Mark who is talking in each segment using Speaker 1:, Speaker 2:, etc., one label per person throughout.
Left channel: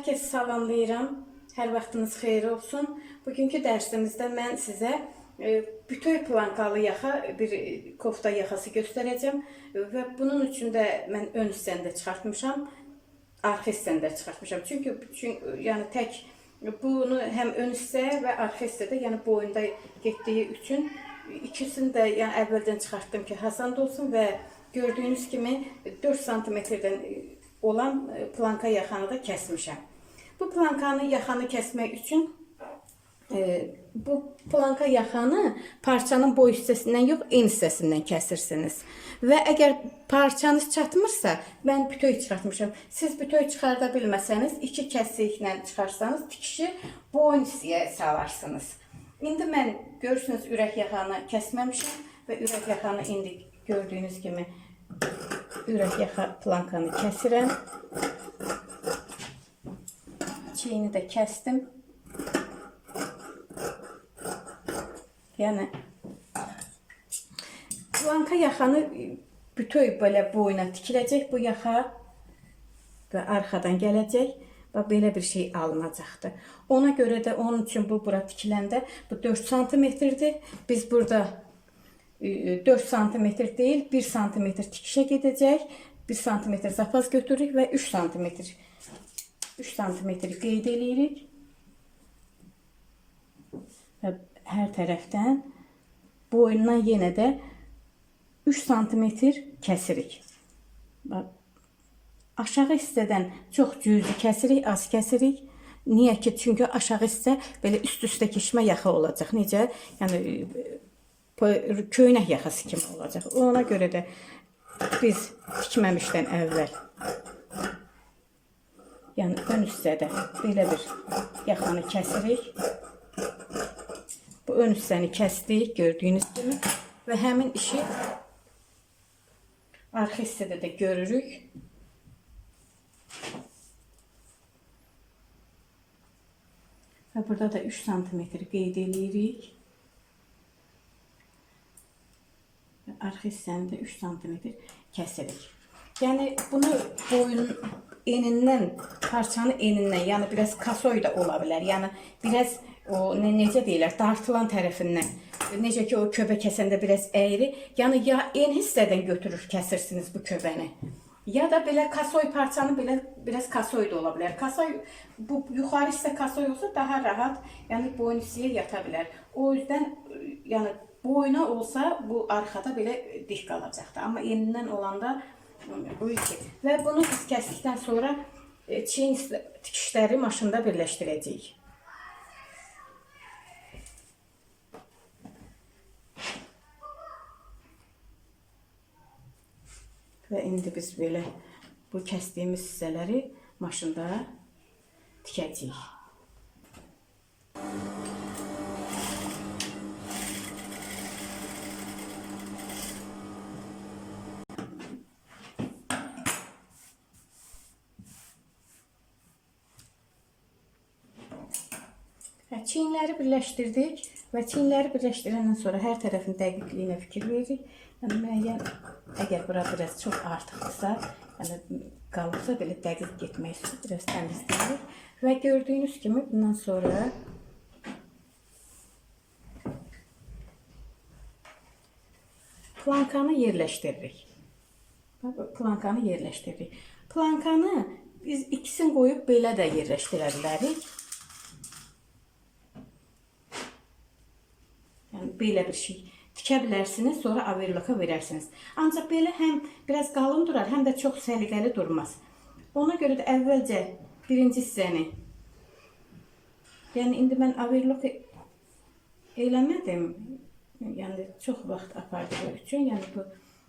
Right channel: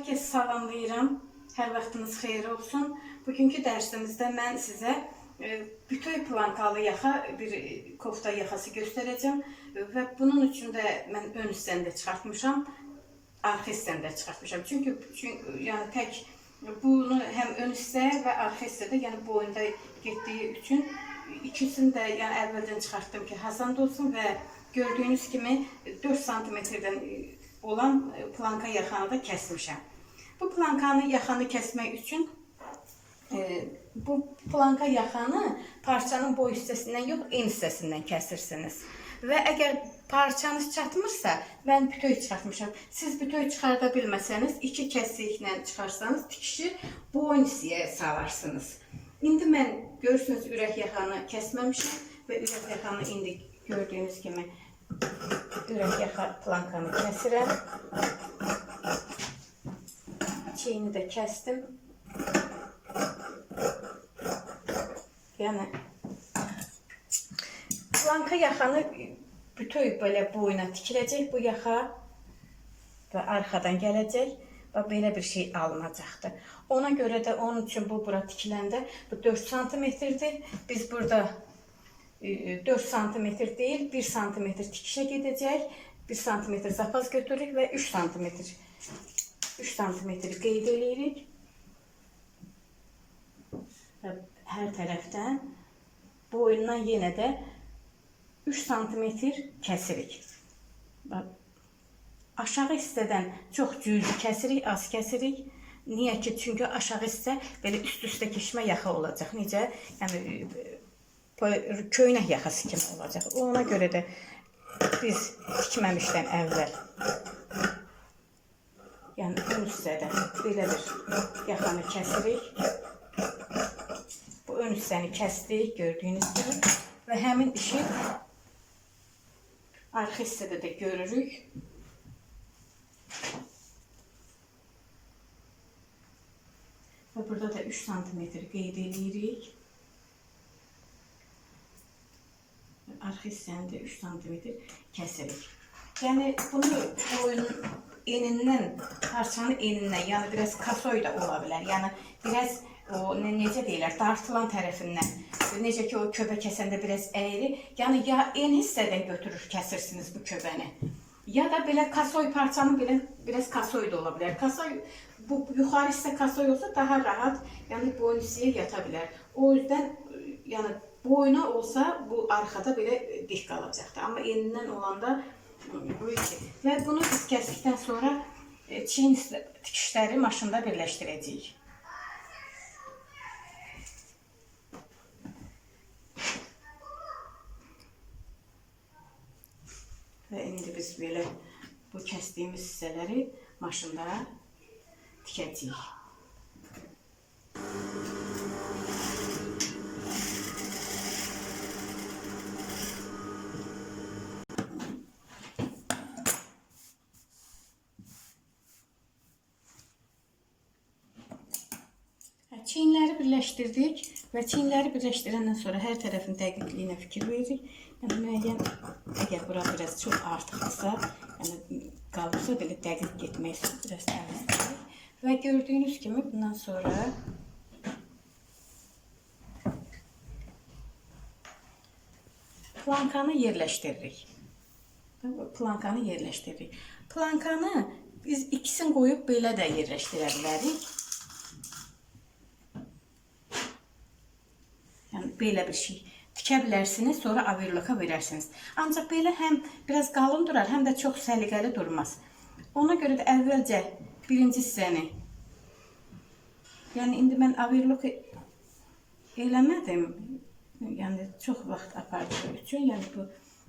Speaker 1: Hər kəsi salamlayıram. Hər vaxtınız xeyir olsun. Bugünkü dərsimizdə mən sizə e, bütöv plankalı yaxa bir e, kofta yaxası göstərəcəm E, və bunun üçün də mən ön hissəni də çıxartmışam, arxa hissəni də çıxartmışam. Çünki çünki yəni tək bunu həm ön hissə və arxa hissədə, yəni boyunda getdiyi üçün ikisini də yəni əvvəldən çıxartdım ki, asan olsun və gördüyünüz kimi 4 sm-dən olan planka yaxanı da kəsmişəm. Bu plankanı yaxanı kəsmək üçün e, bu planka yaxanı parçanın boy hissəsindən yox, en hissəsindən kəsirsiniz. Və əgər parçanız çatmırsa, mən bütöv çıxartmışam. Siz bütöv çıxarda bilməsəniz, iki kəsiklə çıxarsanız tikişi boyun hissəyə salarsınız. İndi mən görürsünüz ürək yaxanı kəsməmişəm və ürək yaxanı indi gördüyünüz kimi ürək yaxa plankanı kəsirəm. Çiyini də kəsdim. Yəni planka yaxanı bütöv belə boyuna tikiləcək bu yaxa və arxadan gələcək və belə bir şey alınacaqdır. Ona görə də onun üçün bu bura tikiləndə bu 4 sm-dir. Biz burada e, 4 sm deyil, 1 sm tikişə gedəcək. 1 sm zapaz götürürük və 3 sm 3 sm qeyd. Və hər tərəfdən boyundan yenə də 3 sm kəsirik. Bax, aşağı hissədən çox cüzi kəsirik, az kəsirik. Niyə ki? Çünki aşağı hissə belə üst-üstə keçmə yaxa olacaq. Necə? Yəni e, köynək yaxası kimi olacaq. Ona görə də biz tikməmişdən əvvəl yəni ön hissədə belə bir yaxanı kəsirik. Bu ön hissəni kəsdik, gördüyünüz kimi və həmin işi arxa hissədə də görürük. Və burada da 3 sm qeyd eləyirik. Arxa hissəni də 3 sm kəsirik. Yəni bunu boyun enindən, parçanın enindən, yəni biraz kasoy da ola bilər. Yəni biraz o ne, necə deyirlər, dartılan tərəfindən. Necə ki o köbə kəsəndə biraz əyri, yəni ya en hissədən götürür kəsirsiniz bu köbəni. Ya da belə kasoy parçanı belə biraz kasoy da ola bilər. Kasoy bu yuxarı hissə kasoy olsa daha rahat, yəni boyun hissəyə yata bilər. O yüzden yəni boyuna olsa bu arxada belə dik qalacaqdır. Amma enindən olanda bu iki. Və bunu biz kəsdikdən sonra e, çiyin tikişləri maşında birləşdirəcəyik. Və indi biz belə bu kəsdiyimiz hissələri maşında tikəcəyik. Çiyinləri birləşdirdik və çiyinləri birləşdirəndən sonra hər tərəfin dəqiqliyinə fikir veririk. Yəni müəyyən əgər bura biraz çox artıqdırsa, yəni qalıbsa belə dəqiq getmək üçün biraz təmizləyirik. Və gördüyünüz kimi bundan sonra plankanı yerləşdiririk. Plankanı yerləşdiririk. Plankanı biz ikisini qoyub belə də yerləşdirə. Yəni belə bir şey tikə bilərsiniz, sonra averloka verərsiniz. Ancaq belə həm biraz qalın durar, həm də çox səliqəli durmaz. Ona görə də əvvəlcə birinci hissəni Yəni indi mən averlok eləmədim. Yəni çox vaxt apardığı üçün, yəni bu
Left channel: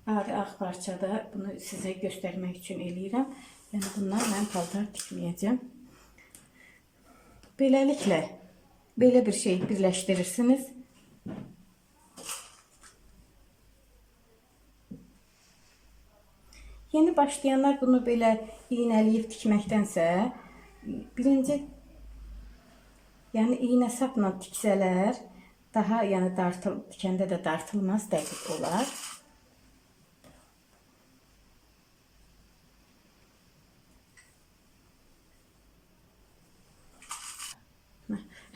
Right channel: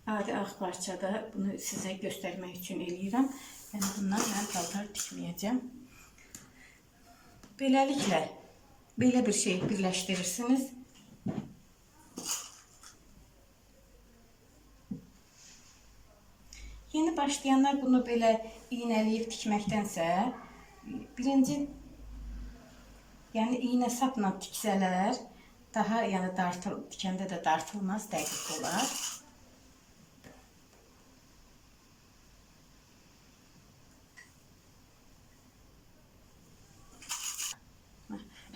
Speaker 1: adi ağ parçada bunu sizə göstərmək üçün eləyirəm. Yəni bundan mən paltar tikməyəcəm. Beləliklə belə bir şey birləşdirirsiniz. Yeni başlayanlar bunu belə iynələyib tikməkdənsə birinci yəni iynə sapla tiksələr daha yəni dartıl tikəndə də dartılmaz dəqiq olar.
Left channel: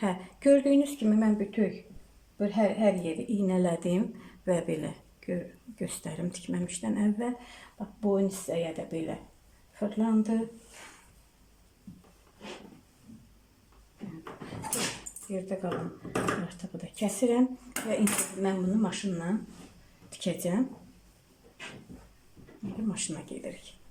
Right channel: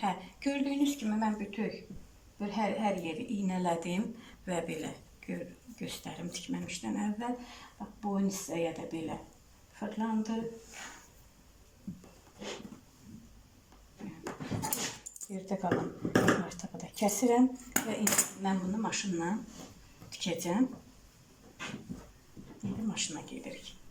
Speaker 1: Hə, gördüyünüz kimi mən bütöv bir hər, hər yeri iynələdim və belə gör, göstərim tikməmişdən əvvəl. Bax boyun hissəyə də belə fırlandı. Yerdə qalan artığı da kəsirəm və mən bunu maşınla tikəcəm. İndi maşına gedirik.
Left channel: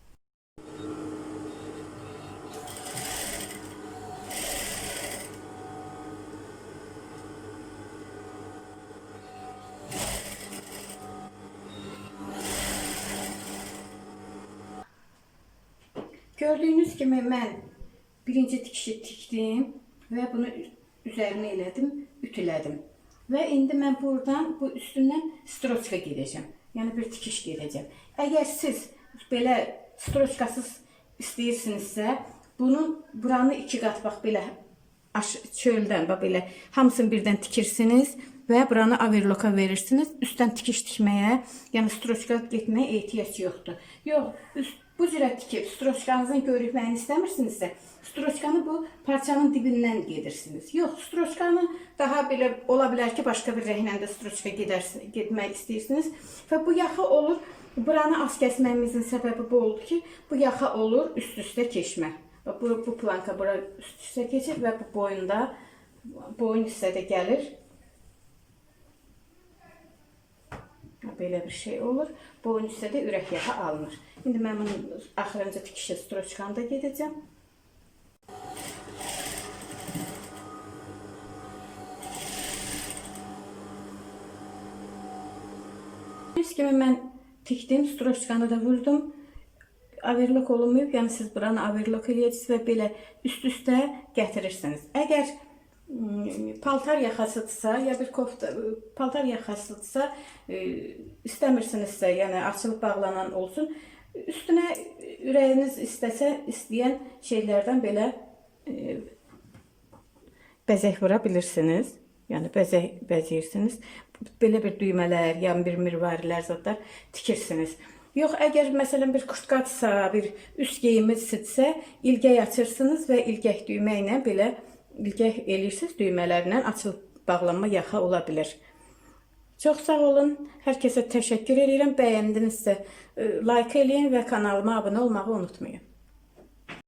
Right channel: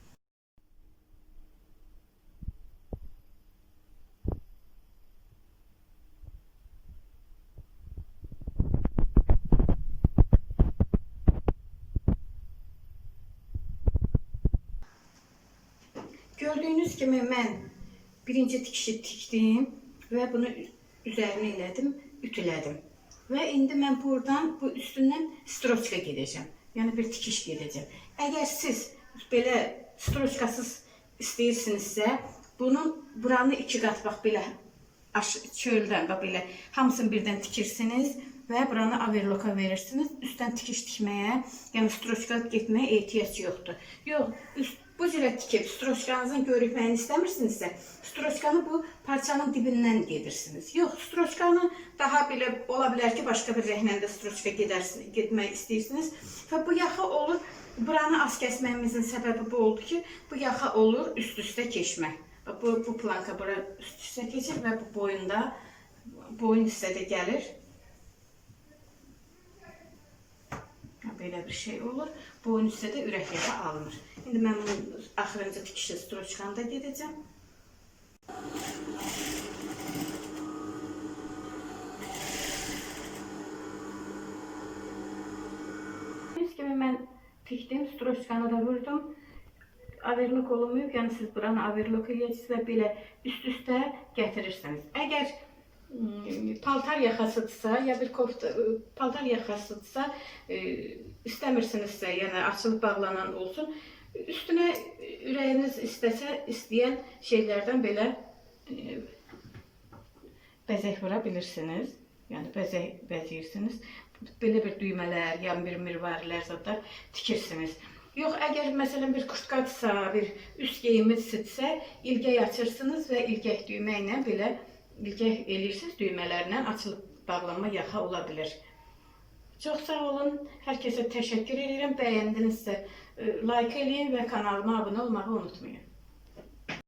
Speaker 1: Gördüyünüz kimi mən birinci tikişi tikdim və bunu üzərinə elədim, ütülədim. Və indi mən buradan bu üstündən stroçka gedəcəm. Yəni bir tikiş gedəcəm. Əgər siz belə stroçkasız istəyirsinizsə, bunun buranı iki qat bax belə çöldən bax belə hamısını birdən tikirsiniz və buranı overloka verirsiniz. Üstdən tikiş tikməyə, yəni stroçka getməyə ehtiyac yoxdur. Yox, üst bu cürə tikib stroçkanızın görükməyini istəmirsinizsə, stroçkanı bu parçanın dibindən gedirsiniz. Yox, stroçkanı daha belə ola bilər ki, başqa bir rənglə də stroçka gedərsin, getmək istəyirsiniz və bu yaxa olur. Buranı az kəsməyimizin səbəbi bu oldu ki, bu yaxa olur üst-üstə keçmə. Bax, Bu, bu planka bura üst-üstə keçir və bu boyunda boyun hissədə gəlir. Belə bir şey olur. Boyun hissədə ürək yaxa alınır. İndi mən bunun axırıncı tikişi stroçkanı da gedəcəm. Gördüyünüz kimi mən tikdim, stroçkanı da vurdum. Overlock olunmayıb, yəni siz buranı overlock eləyəcəksiniz və belə üst-üstə gətirirsiniz. Əgər paltar yaxasıdırsa, ya bir kofta paltar yaxasıdırsa, e, istəmirsinizsə, yəni açılıb bağlanan olsun, üstünə ürəyiniz istəsə, istəyən şeylərdən belə e, bəzək vura bilirsiniz. Yəni bəzək bəzəyirsiniz. Belə bir düymələr, yəni bir mirvarilər zətlər tikirsiniz. Yox, əgər məsələn bir kurtkadsa, bir üst geyimizsə, ilgək açırsınız və ilgək düymə ilə belə ilgək eləyirsiniz, düymələrlə açılıb bağlanma yaxa ola bilər. Çox sağ olun. Hər kəsə təşəkkür edirəm. Bəyəndinizsə, e, like eləyin və kanalıma abunə olmağı unutmayın.